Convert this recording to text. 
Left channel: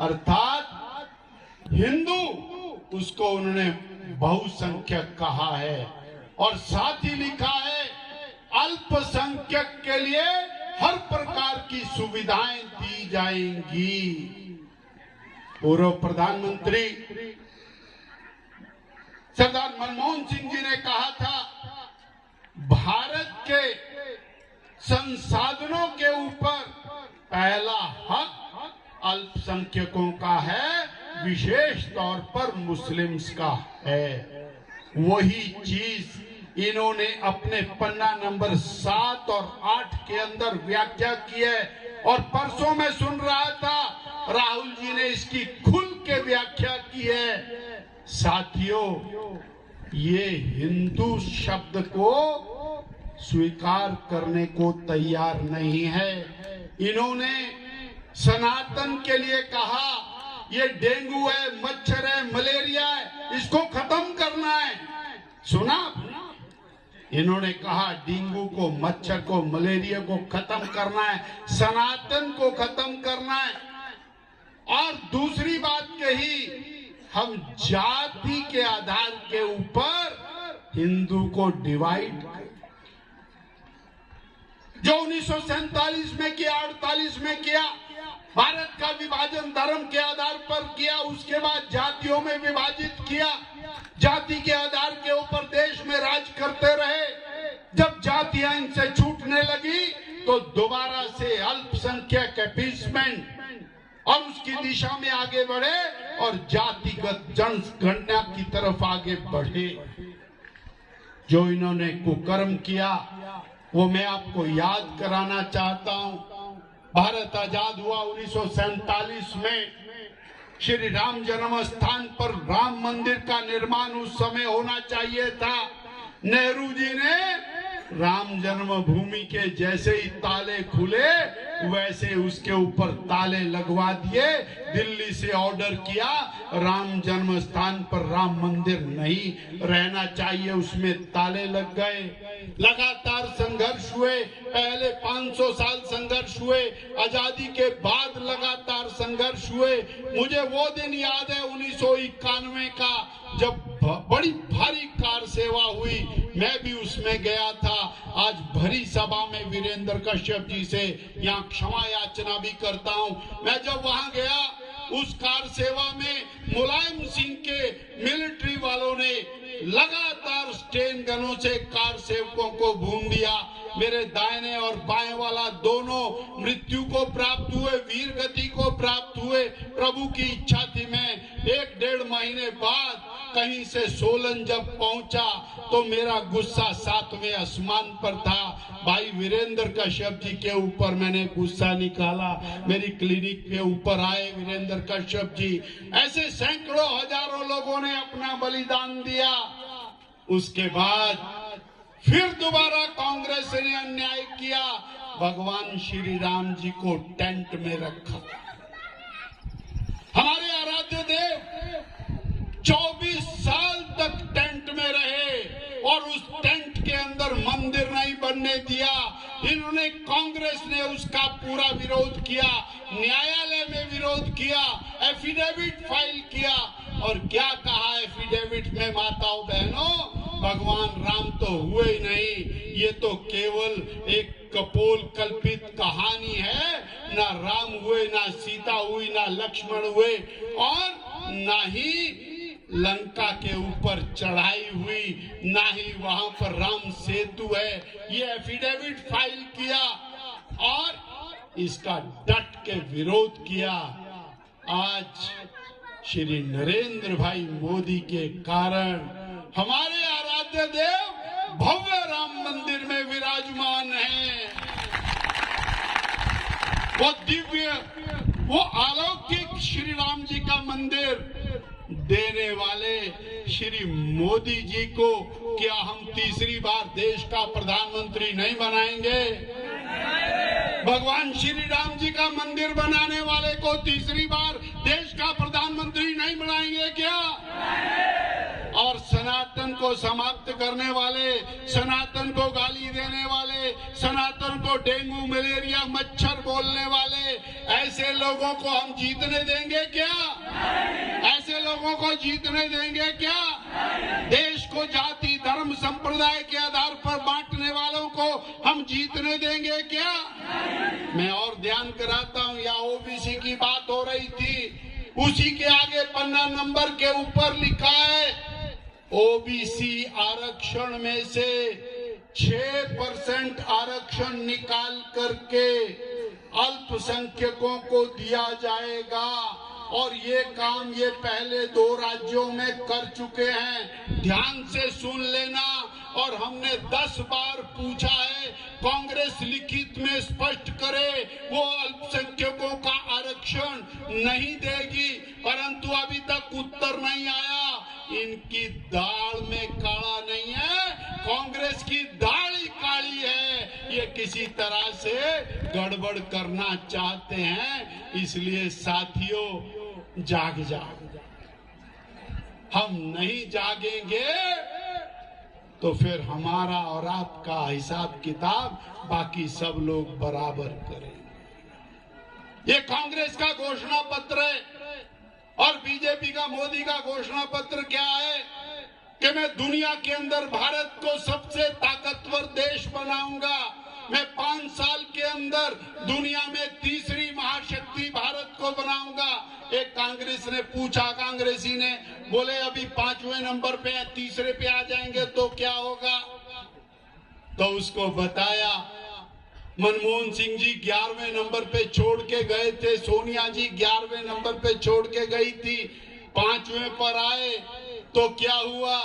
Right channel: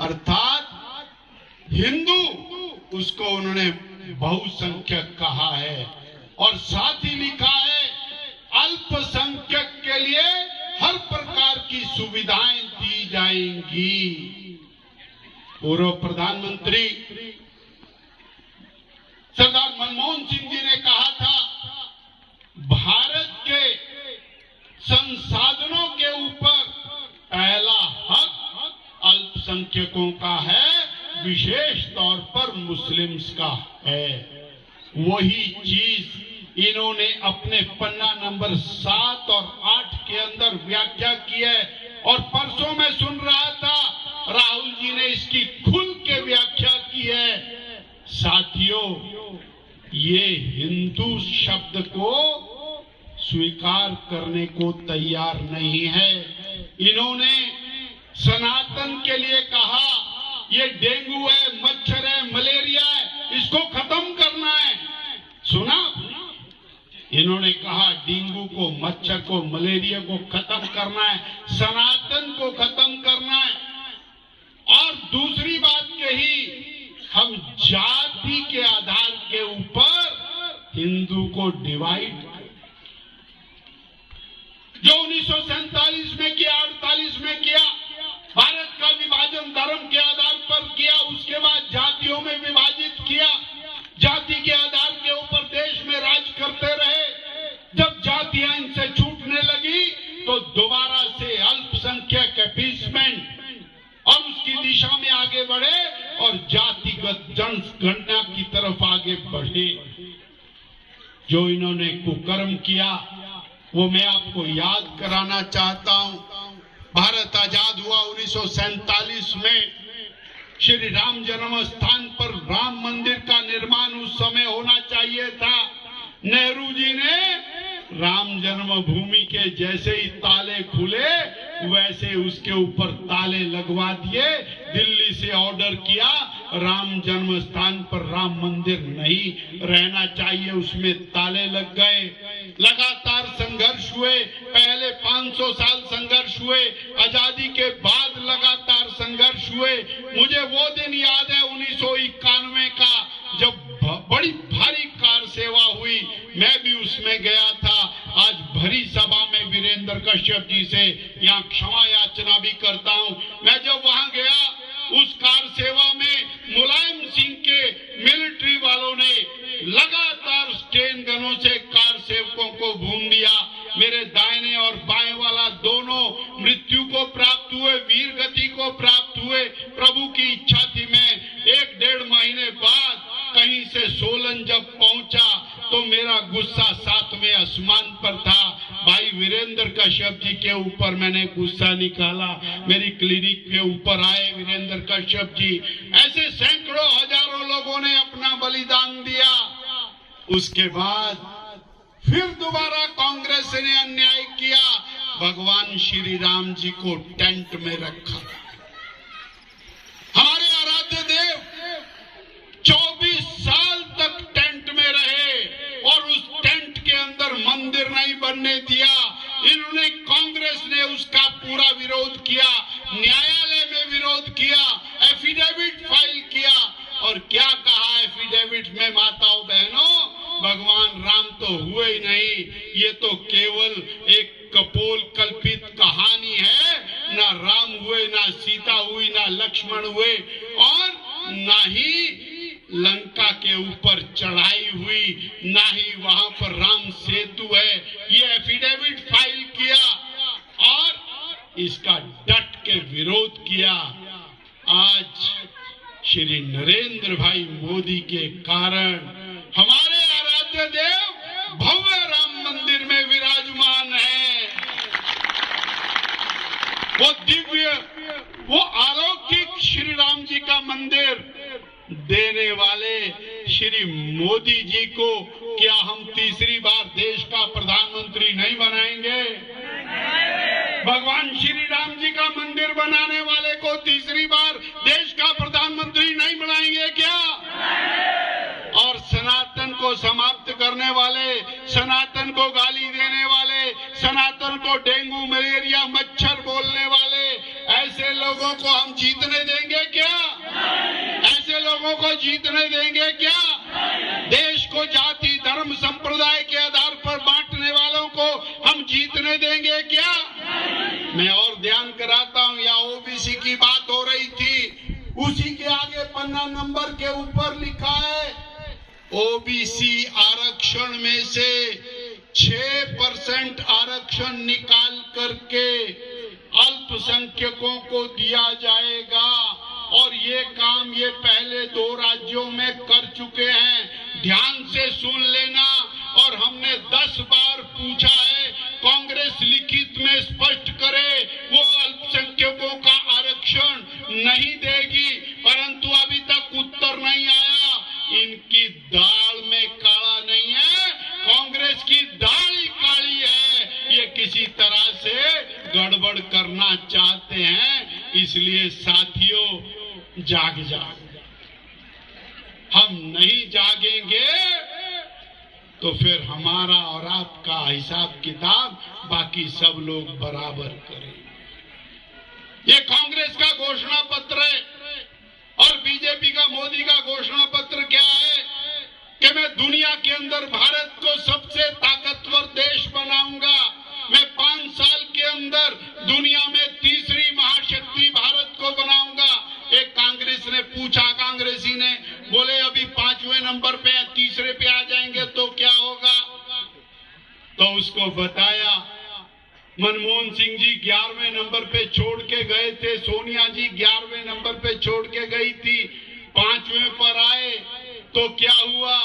अर्थात हिंदू, उसको उन्होंने बहुसंख्यक कहा है। और साथ ही लिखा है अल्पसंख्यक के लिए हर प्रकार की सुविधाएं दी जाएंगी। पूर्व प्रधानमंत्री सरदार मनमोहन सिंह जी ने कहा था, भारत के संसाधनों के ऊपर पहला हक अल्पसंख्यकों का है, विशेष तौर पर मुस्लिम्स का है। वही चीज इन्होंने अपने पन्ना नंबर 7 और 8 के अंदर व्याख्या की है। और परसों मैं सुन रहा था राहुल जी ने इसकी खुल के व्याख्या की है। साथियों, ये हिंदू शब्द को स्वीकार करने को तैयार नहीं है। इन्होंने सनातन के लिए कहा ये डेंगू है, मच्छर है, मलेरिया है, इसको खत्म करना है। सुना? इन्होंने कहा डेंगू को, मच्छर को, मलेरिया को खत्म करना है, सनातन को खत्म करना है। और दूसरी बात कही, हम जाति के आधार के ऊपर हिंदू को डिवाइड, जो 1947 में किया, 48 में किया, भारत का विभाजन धर्म के आधार पर किया, उसके बाद जातियों में विभाजित किया, जाति के आधार के ऊपर देश में राज करते रहे। जब जातियां इनसे छूटने लगी तो दोबारा से अल्पसंख्यक अपीसमेंट और उसकी दिशा में आगे बढ़े और जातिगत जनगणना की तरफ आगे बढ़े। जो इन्होंने कुकर्म किया वो मैं आपको याद कराना चाहता हूं। भारत आजाद हुआ 1947 में। श्री राम जन्म स्थान पर राम मंदिर का निर्माण उस समय होना चाहिए था। नेहरू जी ने राम जन्मभूमि के जैसे ही ताले खुले वैसे उसके ऊपर ताले लगवा दिए। दिल्ली से ऑर्डर किया, राम जन्म स्थान पर राम मंदिर नहीं रहना चाहिए, उसमें ताले लग गए। लगातार संघर्ष हुए, पहले 500 साल संघर्ष हुए, आजादी के बाद लगातार संघर्ष हुए। मुझे वो दिन याद है 1991 का, जब बड़ी भारी कार सेवा हुई, मैं भी उसमें गया था। आज भरी सभा में वीरेंद्र कश्यप जी से यहाँ क्षमा याचना भी करता हूँ। मैं जब वहां गया, उस कार सेवा में मुलायम सिंह के मिलिट्री वालों ने लगातार स्टेन गनों से कार सेवकों को भून दिया। मेरे दाहिने और बाएं वाला दोनों मृत्यु को प्राप्त हुए, वीर गति को प्राप्त हुए। प्रभु की इच्छा थी, मैं 1-1.5 महीने बाद कहीं से सोलन जब पहुंचा तो मेरा गुस्सा 7वें आसमान पर था। भाई वीरेंद्र कश्यप जी के ऊपर मैंने गुस्सा निकाला। मेरी क्लिनिक के ऊपर आए वीरेंद्र कश्यप जी। ऐसे सैकड़ों हजारों लोगों ने अपना बलिदान दिया। उसके बाद फिर दोबारा कांग्रेस ने अन्याय किया, भगवान श्री राम जी को टेंट में रखा। हमारे आराध्य देव 24 साल तक टेंट में रहे और उस टेंट के अंदर मंदिर नहीं बनने दिया। इन्होंने, कांग्रेस ने उसका पूरा विरोध किया, न्यायालय में विरोध किया, एफिडेविट फाइल किया। और क्या कहा एफिडेविट में, माताओं बहनों, भगवान राम तो हुए ही नहीं, ये तो केवल एक कपोल कल्पित कहानी है। ना राम हुए, ना सीता हुई, ना लक्ष्मण हुए और ना ही लंका के ऊपर चढ़ाई हुई, ना ही वहां पर राम सेतु है। ये एफिडेविट फाइल किया और इसका डट के विरोध किया। आज श्री नरेंद्र भाई मोदी के कारण हमारे आराध्य देव भव्य राम मंदिर में विराजमान है। वो दिव्य, वो अलौकिक श्री राम जी का मंदिर देने वाले श्री मोदी जी को क्या हम तीसरी बार देश का प्रधानमंत्री नहीं बनाएंगे? भगवान श्री राम जी का मंदिर बनाने वाले को तीसरी बार देश का प्रधानमंत्री नहीं बनाएंगे क्या? और सनातन को समाप्त करने वाले, सनातन को गाली देने वाले, सनातन को डेंगू मलेरिया मच्छर बोलने वाले, ऐसे लोगों को हम जीतने देंगे क्या? ऐसे लोगों को जीतने देंगे क्या? देश को जाति धर्म संप्रदाय के आधार पर बांटने वालों को हम जीतने देंगे क्या? मैं और ध्यान कराता हूं, या ओबीसी की बात हो रही थी, उसी के आगे पन्ना नंबर के ऊपर लिखा है ओबीसी आरक्षण में से 6% आरक्षण निकाल करके अल्पसंख्यकों को दिया जाएगा। और ये काम ये पहले 2 राज्यों में कर चुके हैं। ध्यान से सुन लेना। और हमने 10 बार पूछा है, कांग्रेस लिखित में स्पष्ट करे वो अल्पसंख्यकों का आरक्षण नहीं देगी, परंतु अभी तक उत्तर नहीं आया। इनकी दाल में काला नहीं है, कांग्रेस की दाल ही काली है। ये किसी तरह से गड़बड़ करना चाहते हैं। इसलिए साथियों, जाग जाओ। हम नहीं जागेंगे तो फिर हमारा और आपका हिसाब किताब बाकी सब लोग बराबर करेंगे। ये कांग्रेस का घोषणा पत्र है और बीजेपी का, मोदी का घोषणा पत्र क्या है कि मैं दुनिया के अंदर भारत को सबसे ताकतवर देश बनाऊंगा। मैं 5 साल के अंदर दुनिया में तीसरी महाशक्ति भारत को बनाऊंगा। एक कांग्रेस ने पूछा, कांग्रेसी ने बोले अभी 5वें नंबर पे, तीसरे पे आ जाएंगे तो क्या होगा? तो उसको बताया, मनमोहन सिंह जी 11वें नंबर पे छोड़ के गए थे, सोनिया जी 11वें नंबर पे छोड़ के गई थी, 5वें पर आए तो क्या हुआ?